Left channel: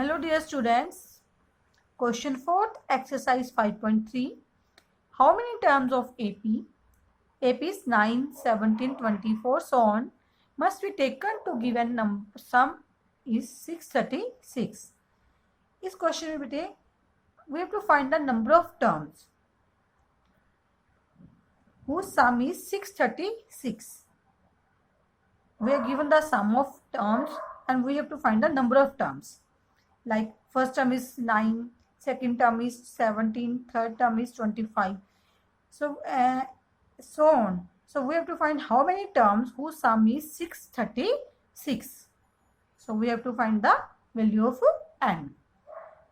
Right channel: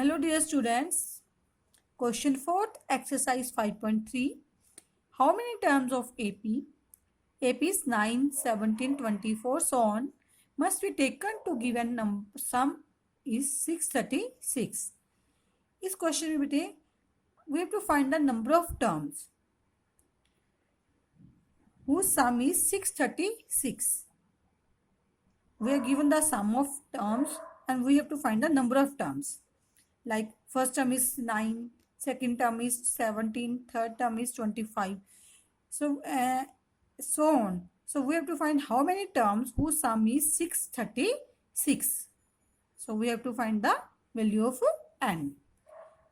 Hello dear students. Question 4th exercise 5.3. How many terms of AP? AP is 9, 17, 24 so on must be taken to given sum is 636. इस question में बेटे we have to find the number of terms whose sum is 636. We are given the sum of terms and we have to find the number of terms. Like first term is 9, second term is 17, third term is 25. So on. So we have to find how many terms whose sum is 636. So we have to find the value of n.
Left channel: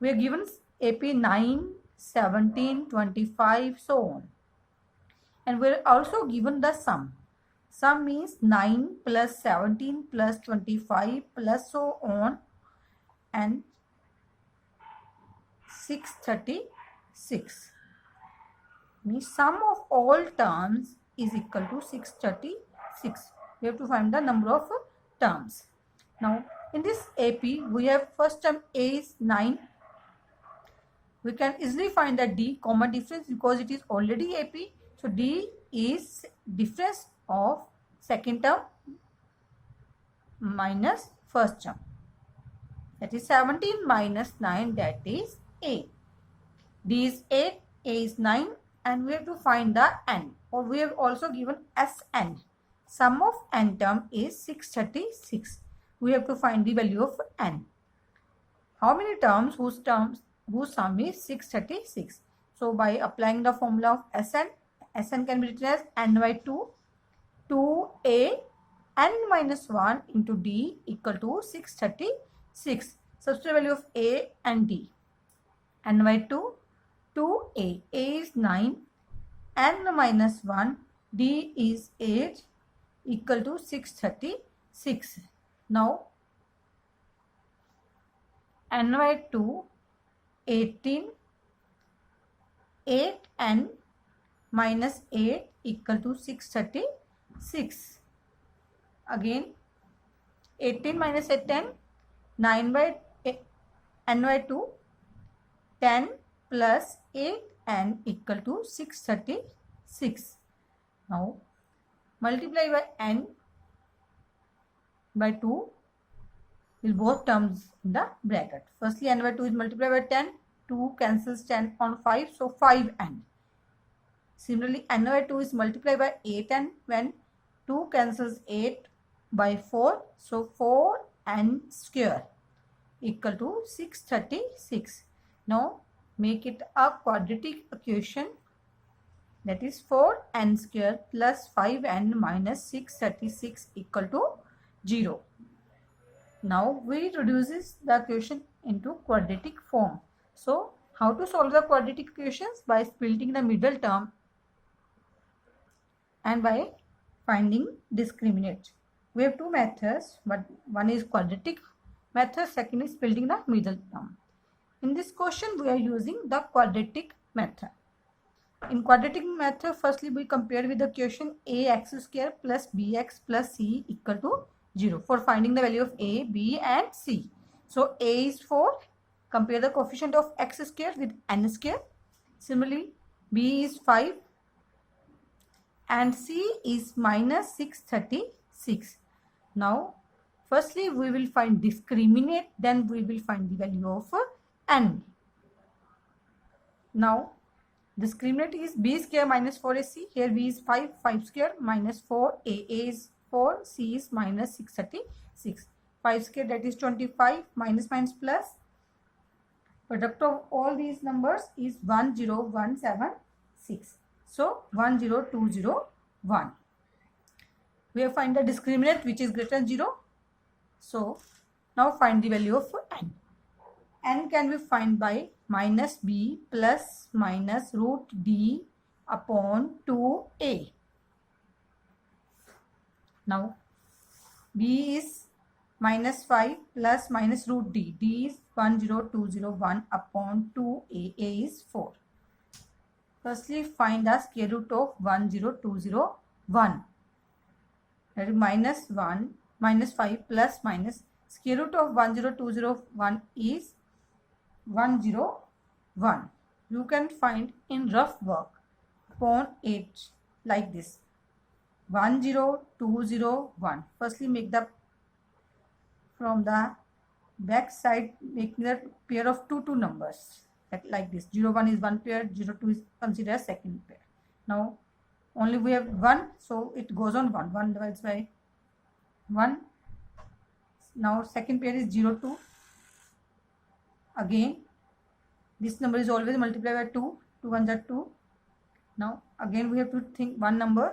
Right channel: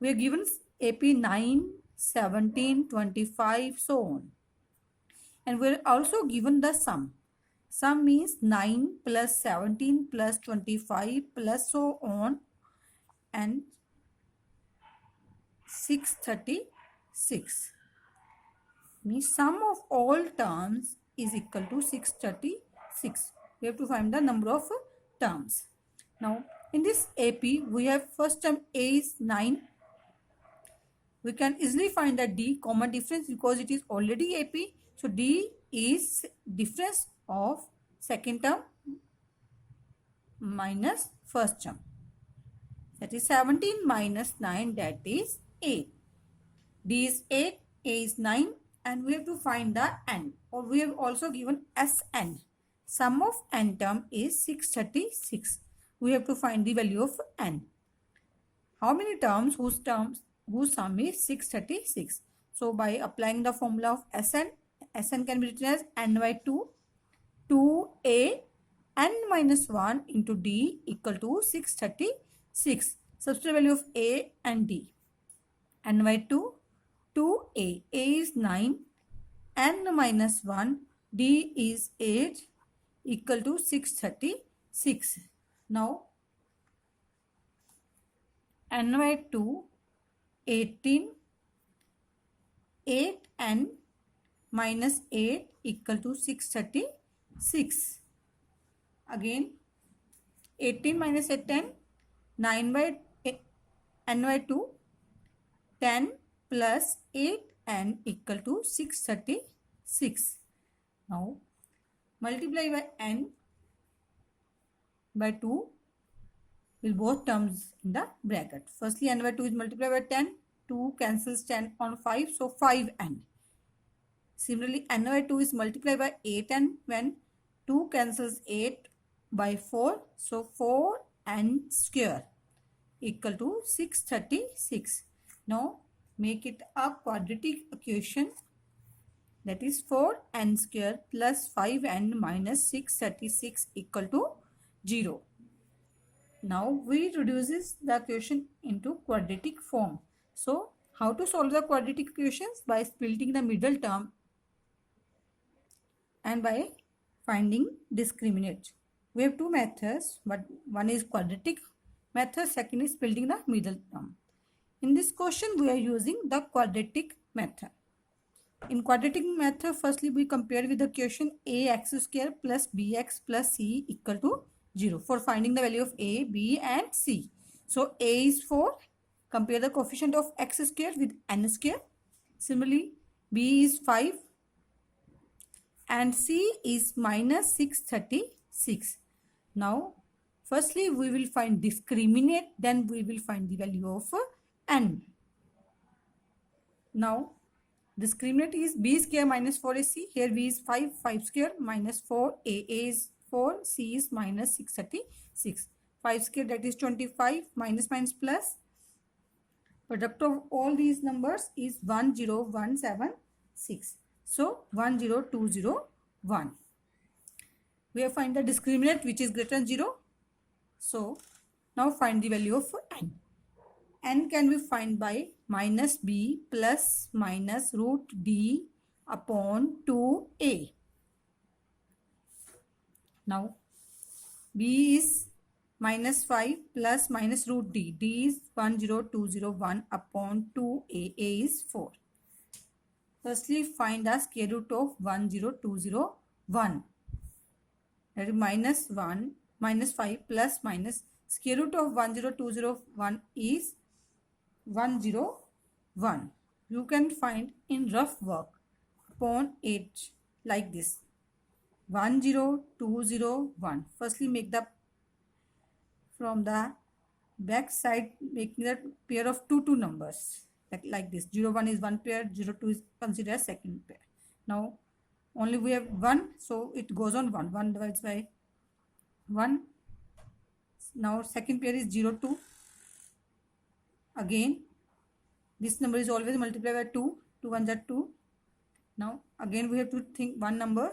We are given AP 9, 17, 25, so on. And we are also given the sum. Sum means 9 plus 17 plus 25 plus so on and 636. Means sum of all terms is equal to 636. We have to find the number of terms. Now in this AP we have first term A is 9. We can easily find that D common difference because it is already AP. So D is difference of second term minus first term. That is 17 minus 9, that is 8. D is 8, A is 9 and we have to find the n, or we have also given Sn. Sum of n term is 636. We have to find the value of n. How many terms whose sum is 636? So by applying the formula of Sn can be written as n by 2, 2a n minus 1 into d equal to 636. Substitute value of a and d. N by 2, 2a. A is 9, n minus 1, d is 8 equal to 636. Now n by 2, 18, 8n minus 8 equal to 636. Again 18 minus 8, 10, 9 by n by 2, 10 plus 8n equal to 636. Now multiply by n by 2 with both terms in the bracket. Firstly n by 2 is multiplied by 10. 2 cancels 10 on 5, so 5n. Similarly n by 2 is multiplied by 8n when 2 cancels 8 by 4, so 4n square equal to 636. Now make it a quadratic equation, that is 4n square plus 5n minus 636 equal to 0. Now we reduces the equation into quadratic form. So how to solve the quadratic equations? By splitting the middle term and by finding discriminant. We have two methods, but one is quadratic method, second is splitting the middle term. In this question we are using the quadratic method. In quadratic method, firstly we compare with the equation ax square plus bx plus c equal to 0 for finding the value of a, b and c. So a is 4, compare the coefficient of x square with n square. Similarly b is 5 and c is minus 636. Now firstly we will find discriminant, then we will find the value of n. Now discriminant is b square minus 4ac. Here b is 5, 5 square minus 4, a is 4, c is minus 636. 5 square, that is 25, minus minus plus. Product of all these numbers is 10176. So 10201. We have find the discriminant which is greater than 0. So now find the value of n. N can be found by minus b plus minus root d upon 2a. Now b is minus 5 plus minus root d. D is 10201 upon 2a. A is 4. Firstly find the square root of 10201. That is minus 1 minus 5 plus minus square root of 10201 is 101. You can find in rough work upon 8 like this. 10201. Firstly, make the from the back side, making a pair of two numbers like this. 01 is one pair, 02 is considered as second pair. Now only we have 1, so it goes on 1. 1 divides by 1. Now second pair is 02. Again this number is always multiplied by 2. 2 1s are 2. Now again we have to think one number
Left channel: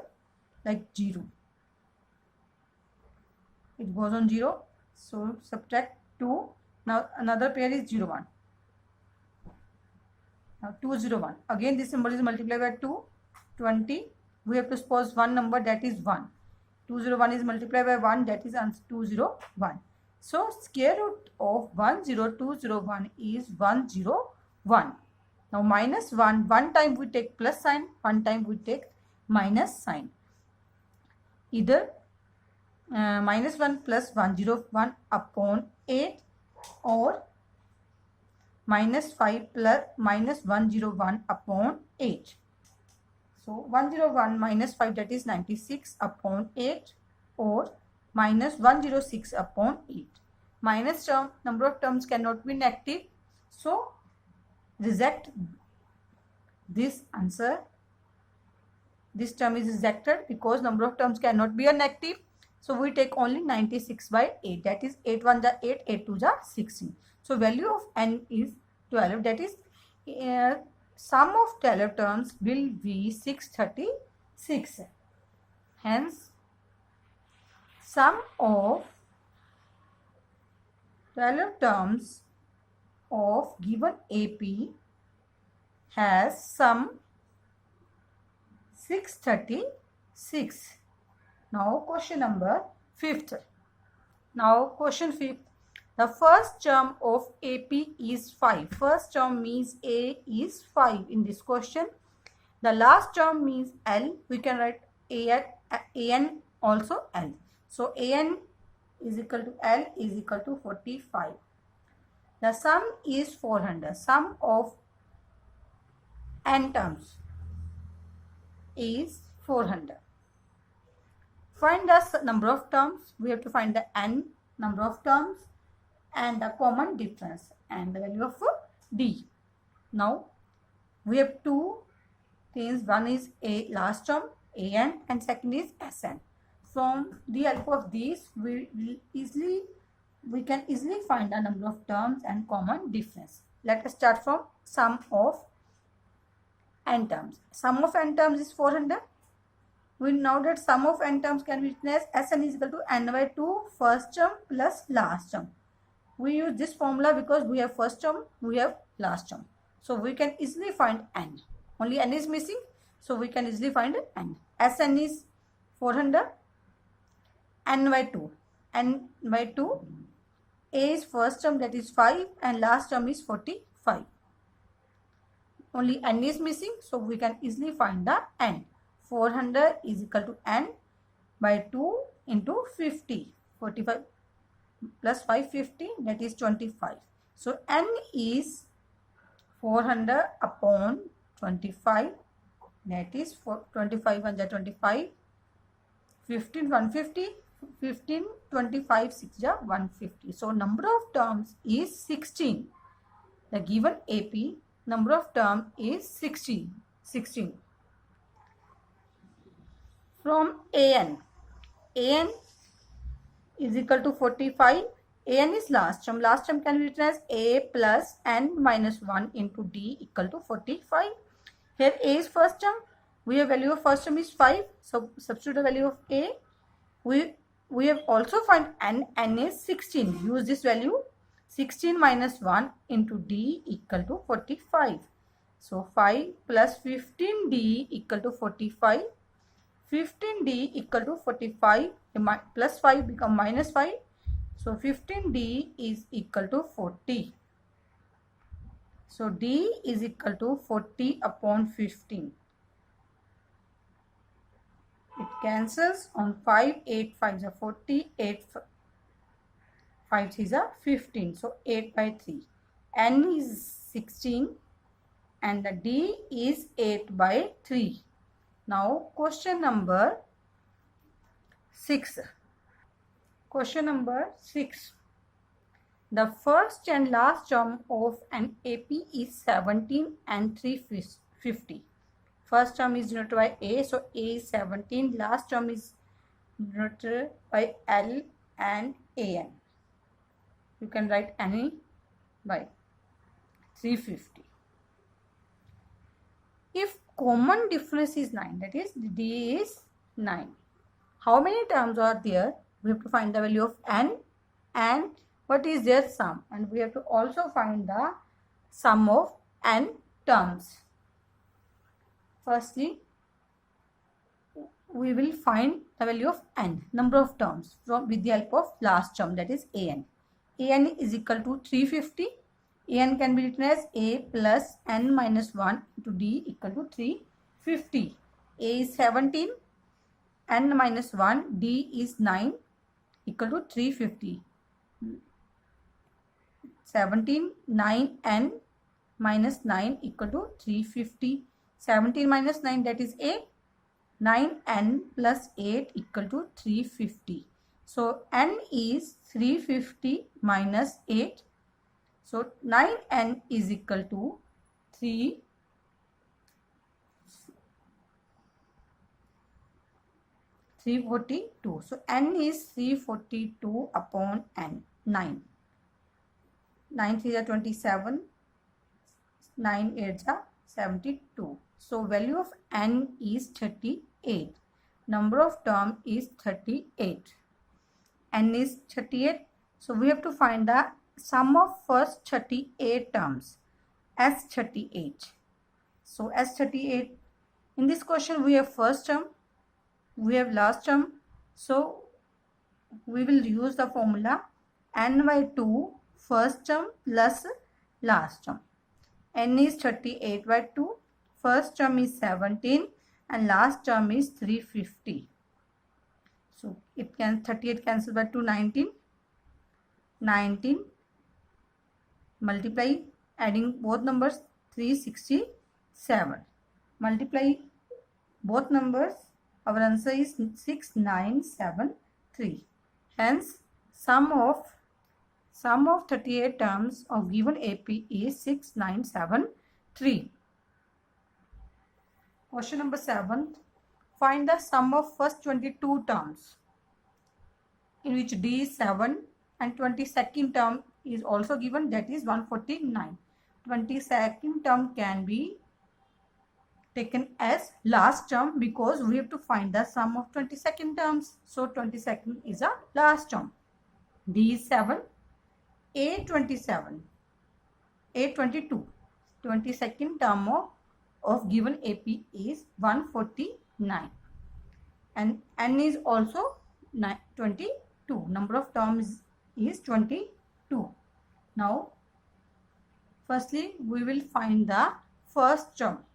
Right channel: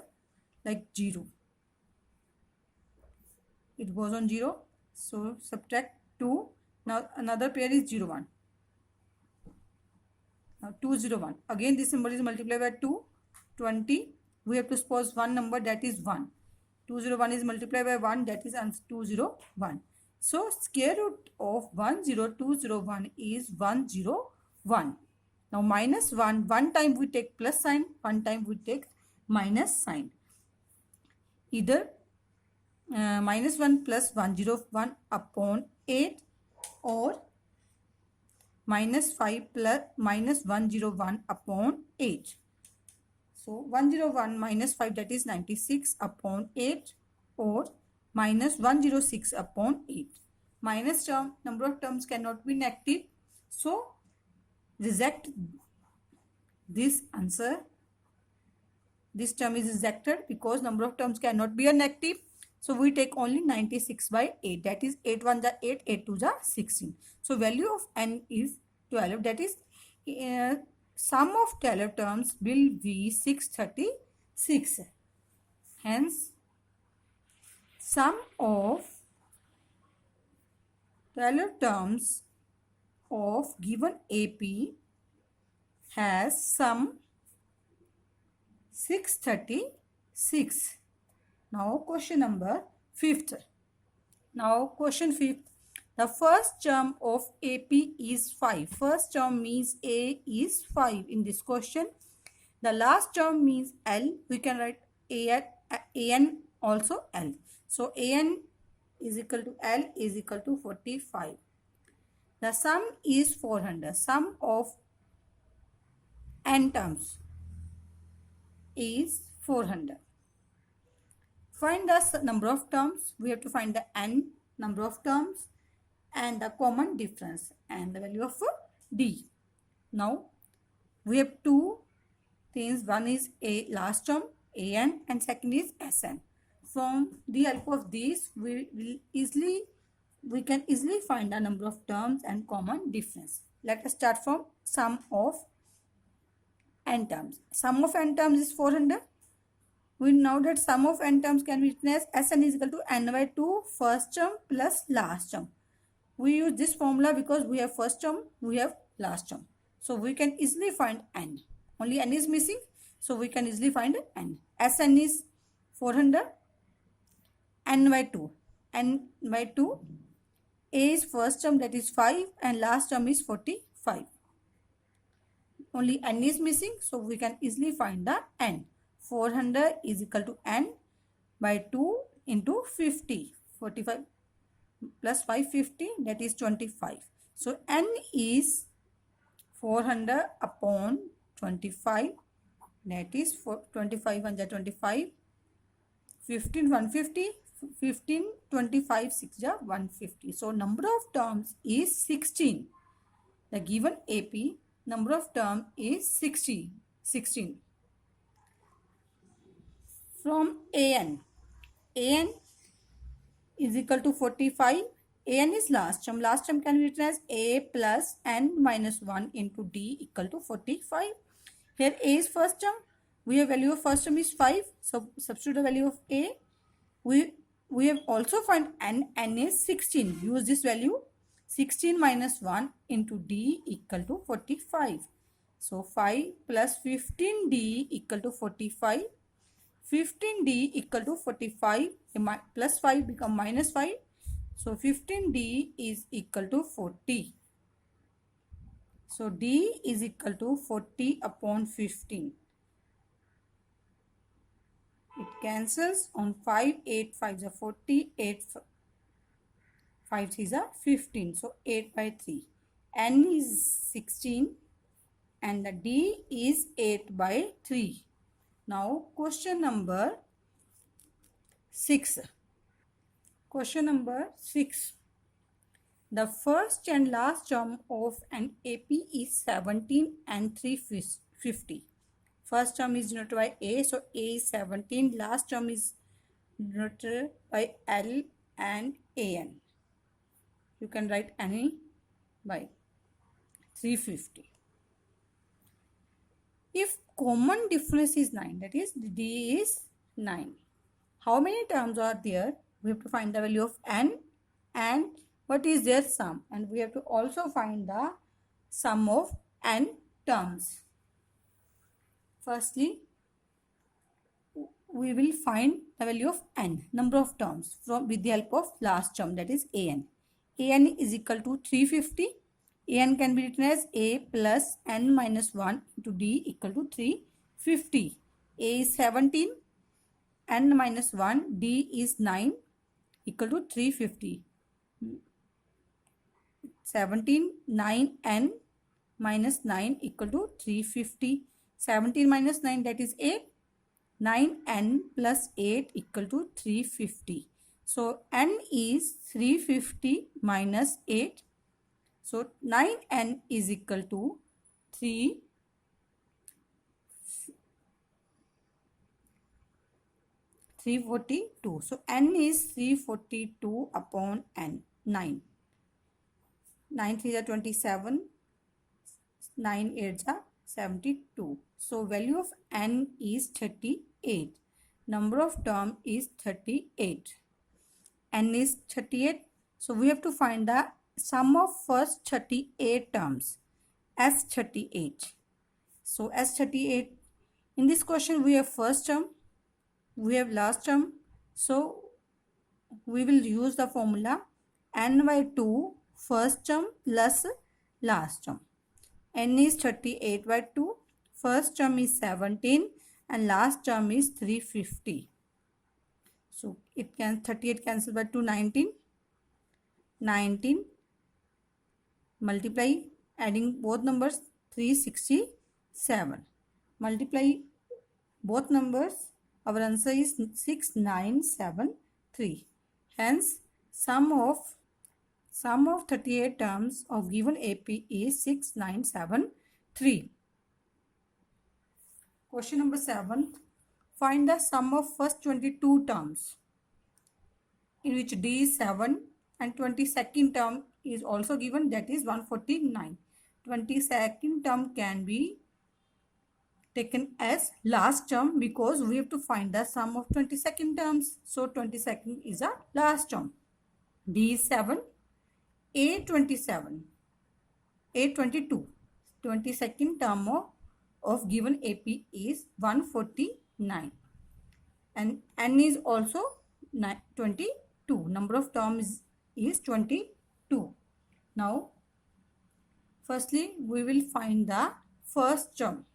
like 0. It goes on 0. So subtract 2. Now another pair is 01. Now 201. Again this number is multiplied by 2. 20. We have to suppose one number, that is 1. 201 is multiplied by 1, that is answer 201. So square root of 10201 is 101. Now minus 1, one time we take plus sign, one time we take minus sign. Either minus 1 plus 101 upon 8 or minus 5 plus minus 101 upon 8. So 101 minus 5, that is 96 upon 8, or minus 106 upon 8. Minus term, number of terms cannot be negative. So reject this answer. This term is rejected because number of terms cannot be a negative. So we take only 96 by 8. That is 8 1s are 8, 8 2s are 16. So value of n is 12. That is sum of 12 terms will be 636. Hence, sum of 12 terms of given AP has sum 636. Now question number 5th. Now question 5th. The first term of AP is 5. First term means A is 5 in this question. The last term means L. We can write AN also L. So AN is equal to L is equal to 45. The sum is 400. Sum of n terms is 400. Find the number of terms. We have to find the n number of terms and the common difference and the value of D. Now we have two things. One is a last term AN and second is SN. From the help of these we can easily find the number of terms and common difference. Let us start from sum of n terms. Sum of n terms is 400. We know that sum of n terms can be written as Sn is equal to n by 2 first term plus last term. We use this formula because we have first term, we have last term. So we can easily find n. Only n is missing. So we can easily find n. Sn is 400. N by 2. N by 2. A is first term, that is 5, and last term is 45. Only n is missing. So we can easily find the n. 400 is equal to n by 2 into 50. 45 plus 550, that is 25. So n is 400 upon 25, that is 25 1 is 25, 15 150, 15 25 6 is 150. So number of terms is 16. The given AP number of term is 16. From AN is equal to 45. AN is last term. Last term can be written as A plus N minus 1 into D equal to 45. Here A is first term. We have value of first term is 5. So substitute the value of A. We have also find N. N is 16. Use this value. 16 minus 1 into D equal to 45. So 5 plus 15D equal to 45. 15D equal to 45, plus 5 become minus 5. So 15D is equal to 40. So D is equal to 40 upon 15. It cancels on 5, 8 5 is 40, 8 5 is 15. So 8 by 3. N is 16 and the D is 8 by 3. Now question number 6. Question number 6. The first and last term of an AP is 17 and 350. First term is denoted by A, so A is 17. Last term is denoted by L and AN. You can write any by 350. If common difference is 9, that is D is 9. How many terms are there? We have to find the value of N and what is their sum. And we have to also find the sum of N terms. Firstly, we will find the value of N, number of terms, with the help of last term, that is AN. AN is equal to 350. AN can be written as A plus N minus 1 into D equal to 350. A is 17. N minus 1, D is 9 equal to 350. 17, 9, N minus 9 equal to 350. 17 minus 9, that is 8. 9N plus 8 equal to 350. So N is 350 minus 8. So 9N is equal to 342. So N is 342 upon N. 9. 9 3 are 27. 9 8 are 72. So value of N is 38. Number of term is 38. N is 38. So we have to find the sum of first 38 terms. S38. So S38. In this question we have first term. We have last term. So we will use the formula N by 2 first term plus last term. N is 38 by 2. First term is 17 and last term is 350. So it can 38 cancel by 2, 19. 19 multiply, adding both numbers, 367. Multiply both numbers, our answer is 6973. Hence sum of 38 terms of given AP is 6973. Question number 7. Find the sum of first 22 terms, in which D is 7 and 22nd term is also given, that is 149. 22nd term can be taken as last term because we have to find the sum of 22nd terms. So 22nd is a last term. D is 7. A 27. A 22. 22nd term of given AP is 149. And N is also 22. Number of terms is 22. Now, firstly, we will find the first term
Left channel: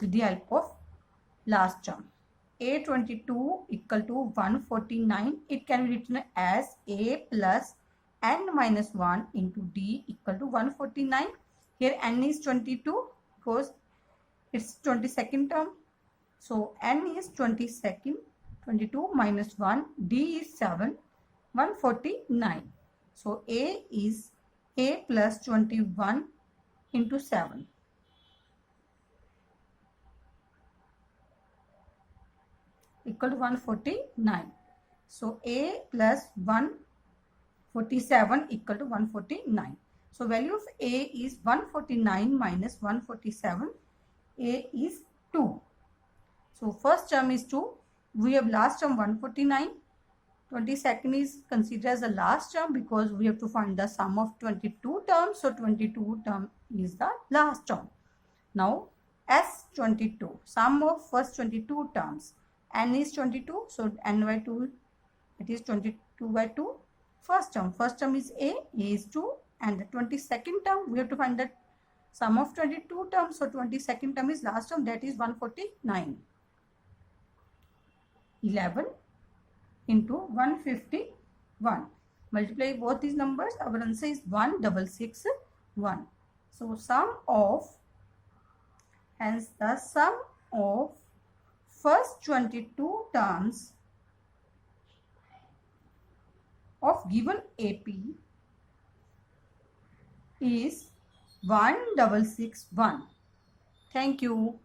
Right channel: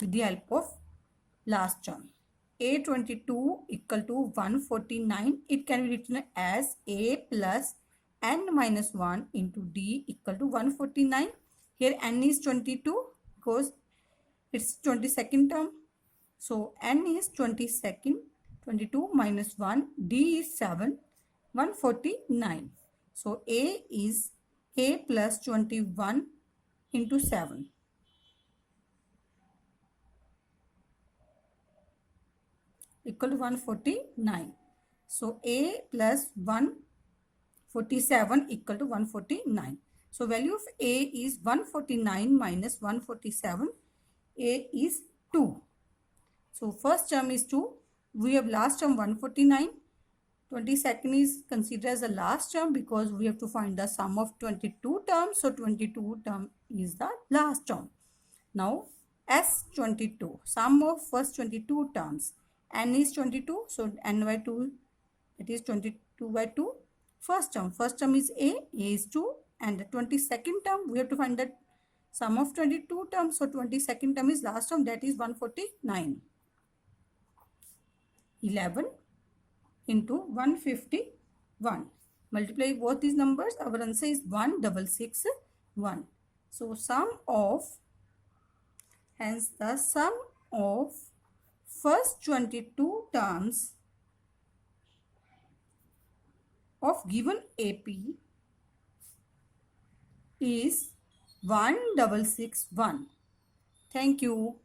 with the help of last term. A22 equal to 149. It can be written as A plus N minus 1 into D equal to 149. Here N is 22 because it's 22nd term. So N is 22nd. 22 minus 1. D is 7. 149. So A is A plus 21 into 7. Equal to 149. So A plus 147 equal to 149. So value of A is 149 minus 147. A is 2. So first term is 2. We have last term 149. 22nd is considered as the last term because we have to find the sum of 22 terms. So 22 term is the last term. Now S22, sum of first 22 terms. N is 22. So N by 2, it is 22 by 2. First term is A is 2. And the 22nd term, we have to find the sum of 22 terms. So 22nd term is last term, that is 149. 11 into 151. Multiply both these numbers. Our answer is 166. 1. So hence the sum of first 22 terms of given AP is 1661. Thank you.